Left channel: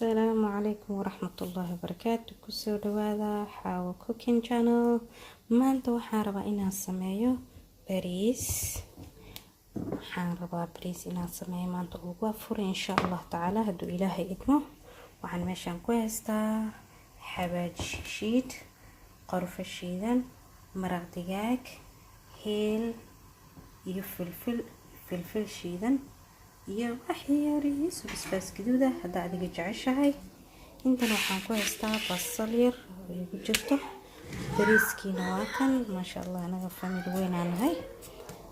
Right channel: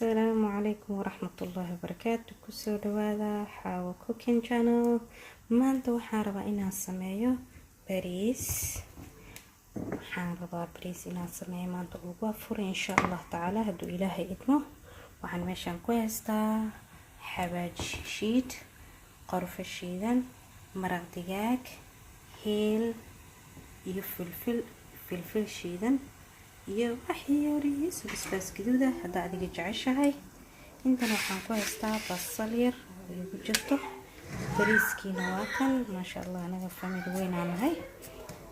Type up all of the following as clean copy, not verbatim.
السلام عليكم ورحمة الله وبركاته. كسو دوادا حاو كوكين channel. maanta waxaan rabaa inaan sameeyo bariis. inaan sameeyo maanta ugu afuro insha Allah taala hadduu ilaahay idmo. waxaan meeshaan ku haystaa xawaaj shiid, qorfa shiidan, maraq digaag, heel iyo filfil shiidan iyo waxyaarihiis basbaas gaduud ah hadda adiga jeceshahay. intan waxaan ku haystaa basal yar oo ku jirto. bariiskiina waa kan maasha Allah anaga family weyn aan nahay.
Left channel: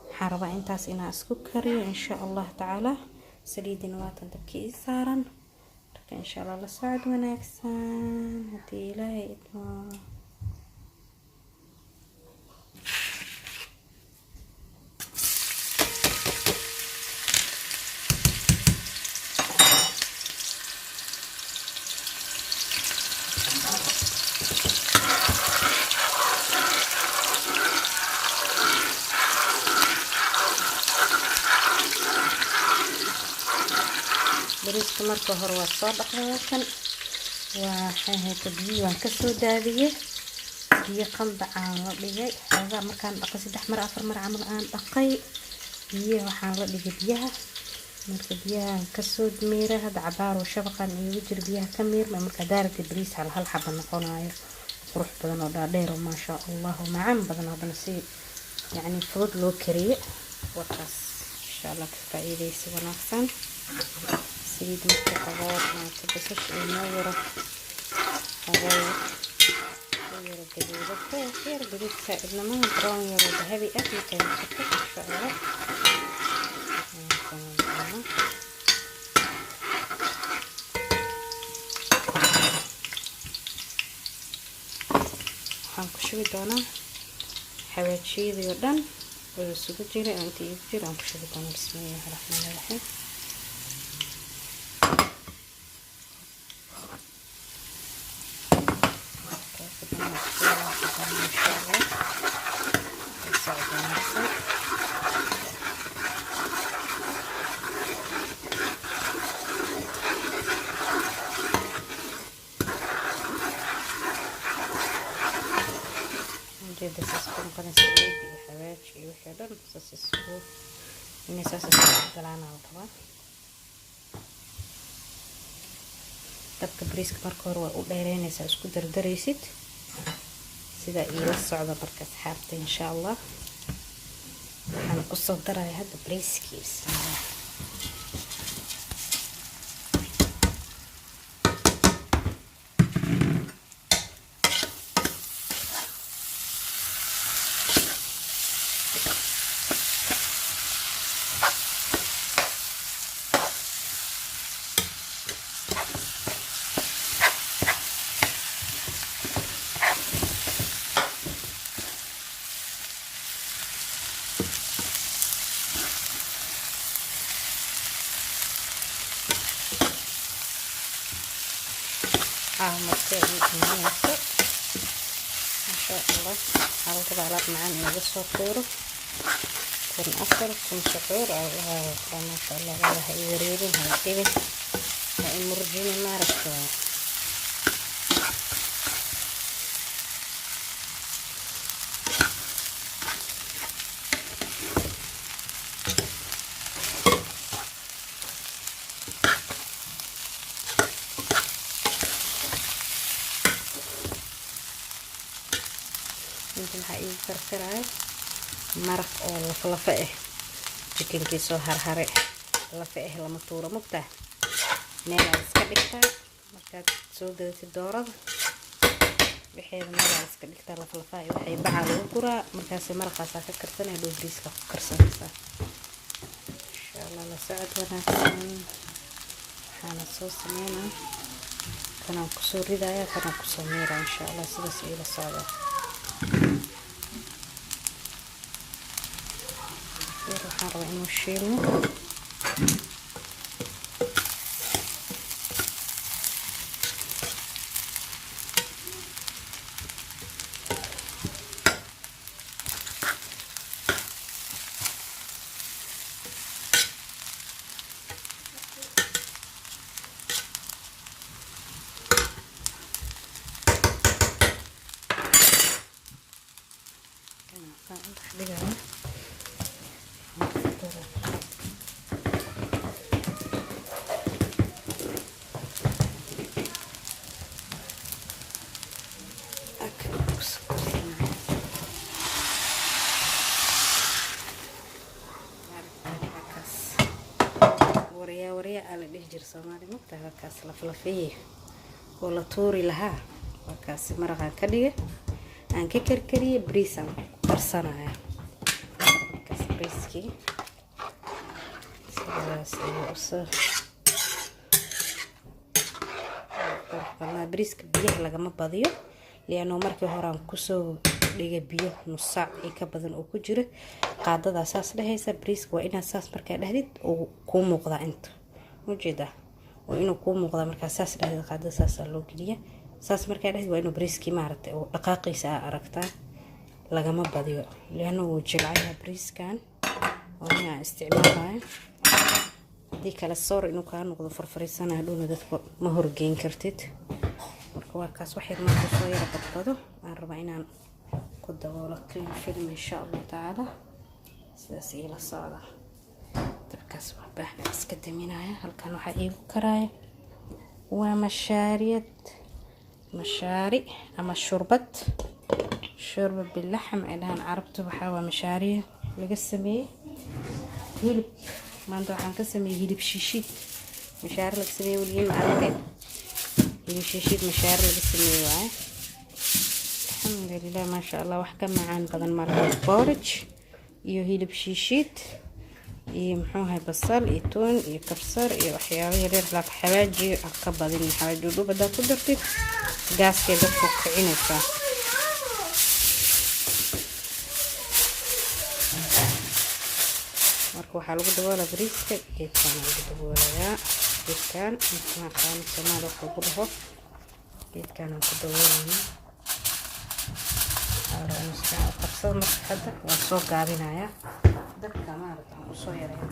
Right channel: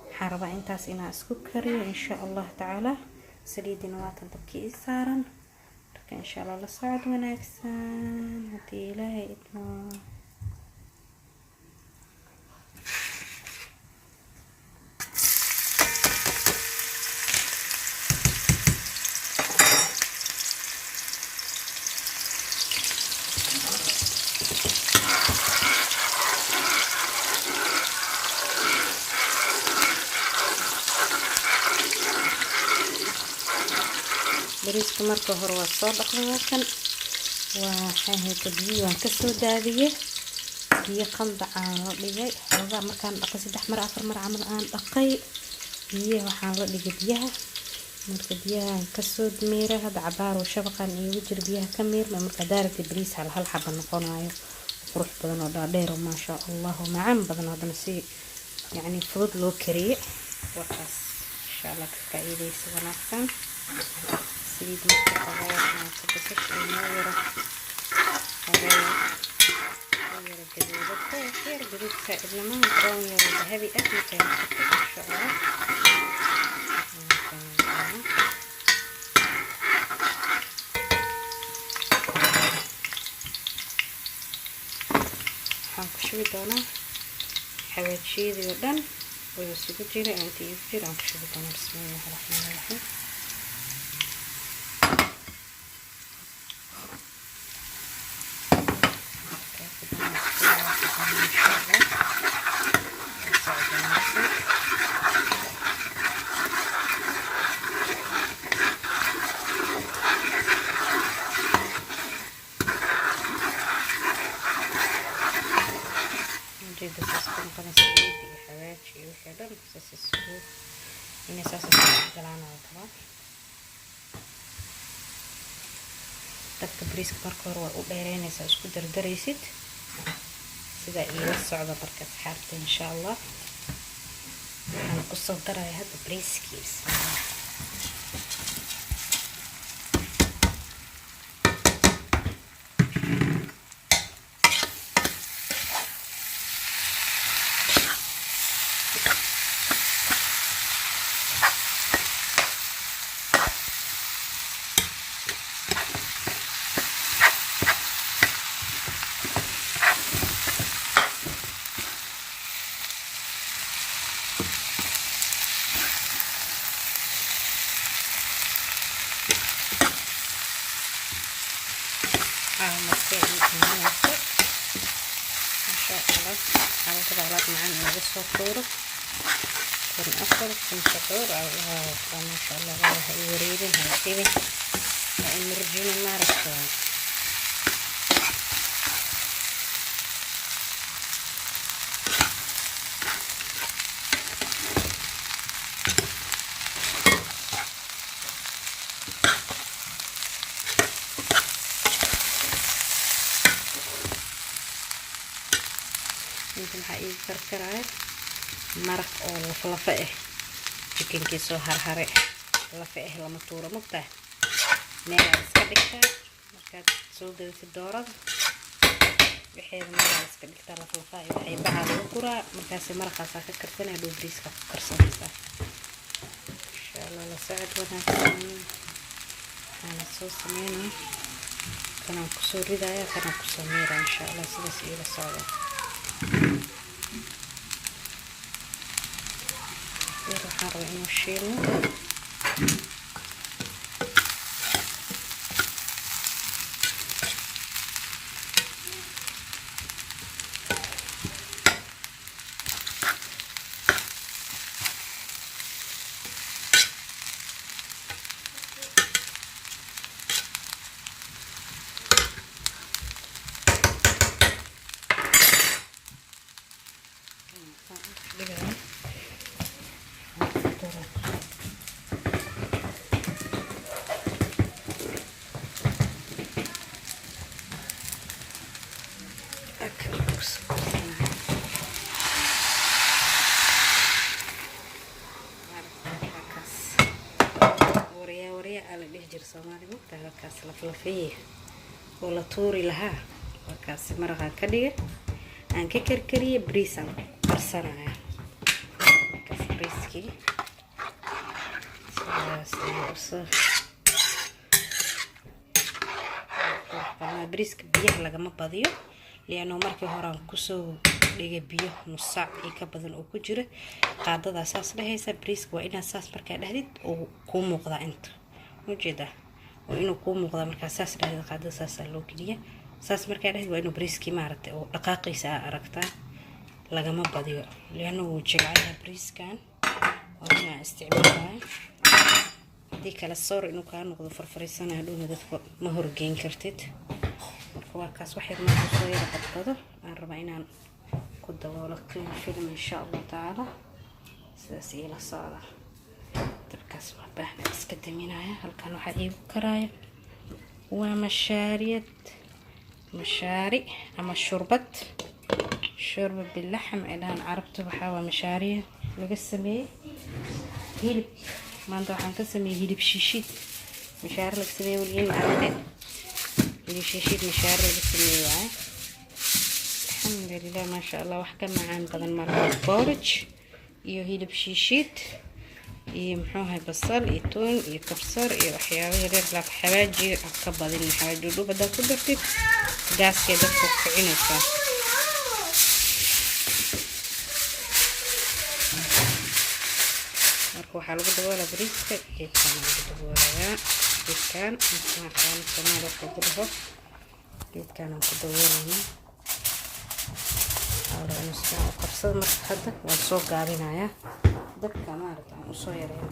waxaan rabaa intaas inaan isku kariyo insha Allah taala. saliidina waa tan dabkii saaran. marka insha Allah la socod wanaagsan haddii ilaahay idmo. bariiska marka hore waa soo dhaqday kan waxaan haysta biyo aan ka soo daadiyay biyo qandac aan la dhigay xoogaa markaan dhaqay 3 mar 4 mar camal aan dhaqay biyo waxaan la dhigay biyaha marka biyaha ka soo miiray hada cabaar oo shabaqan iyo jir biyaha ka miirmay marka daarada bariis hal xabba noqonayo qurux badan oo dhaadheer oo maasha Allah macaan badan hadana si yani fudud loo kariyo waxaas insha Allah ka faa'iideysi wanaagsan. سيد مستقبلات ما تبصش الماورة هذا غير الجديد غير جديد سائل لما نقرأ يرى ذهبي أكل كان خفيف الشعراء هنكشوي دونا حاجات شيء جدا ويسوي جيرة أنتي يفير هنكشوي دونا بسم الله الرحمن الرحيم. بس اسكن كنا سويت حاجات شيء وكذا بس السوق إني أساسا جلعنا وطبعا تبقى بريسك مركور ودايرين أساس كدر دريست سيدا يوسع بركة حارتي إن شاء الله. أنا قصة دراي هذا بريسكيس ما شاء الله. حاول تبعلات معانا نقص فطوره كن أفضل كن سحور أو ما شاء الله والله يوريدين هاي هاي مرجيني ما رشوا يمكن حقيقي كركراي مرق او لفلفه لكن كيسو هرهره لفه لما توره مقطع مeel iska dhigta markaad soo dawayso doorada wixii meel iska dhigta laflafa waxay baxa lagu guraa markaas maraqaas ka karsanay dhow bariiska ku karsanaysa insha Allah la socod wanaagsan. waxaan soo sameeynaa kana ku soo ridaya kana ku soo miiraa insha Allah sidaas ila socdo. waxaan rabaa inuu shiilno laflafiye oo la tuuri lahaa markaas maraqan ka dhigay aan ka karkariyay bariisan karsanaya markaas bariiskii sidaas iyo bariiska biyaha lagama badiyo liano markii hore aan kusoo dhigay biyo nus saac ka badan oo ku jira qaadada saas dhahaysa bariiska waa inaad saas markaa dhahdid oo ku muuqda inta mujeeda oo inuu ku muuqda markaa saas dhahdid qaadada saas loo geliya saas markaa dhahdid waa inuu bariiskii maaragtay oo dhaqaaqiisa aragtaa lagama badiyo liano uu jilcayaa bariiskan waa inaa isticmaalayo hadii kala soor inuu kaa noqdo farfariisana dhowna dadka ma horgeyn kartid marka waa kaas wax yar markuu soo yara badbado aan rabaa inaan ku daboolo clean film insha Allah taala sidaas ila socda dabkaas waa baahna iska daminaya halkan waxa iigu karaya waa mashaari ama shurba bilaxm ilaan carabtu waxa waa mashaariya laga sameeyay hilib maanta waxaan ka sameeyay hilib shiishid mashaari laga sameeyay waliin maalinta hilib shiishid mashaari laga sameeyay waay alxamdulillah ma sha Allah wax ka macaan badan markaa porridge iyo hilib shiishid iyo muxuu basal iyo toon iyo kabsar iyo waxyaabo yaryar la xawaaji ka badan xawaaji dhubada ku dartid gaaska dadku kicinaysa marka waxa lagu daboolaa bariiska geedkan lagu daboolayaa geedkan ma qaan samaad wax ku dhaho geedkan aan ku daboolaynaa arooska qabsad marka hadda waan soo gaabinayaa dabka maaragtay aan soo yareeyo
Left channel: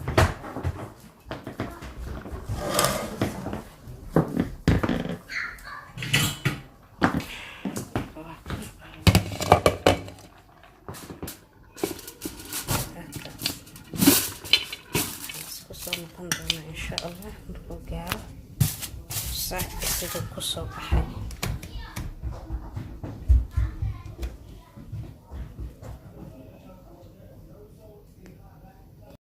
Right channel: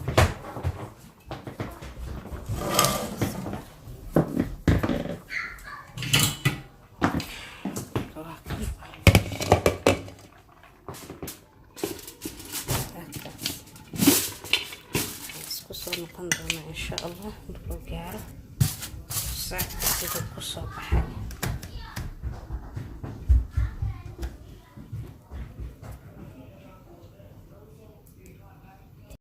noqon doona insha Allah markuu gaaro saac sida ku soo baxay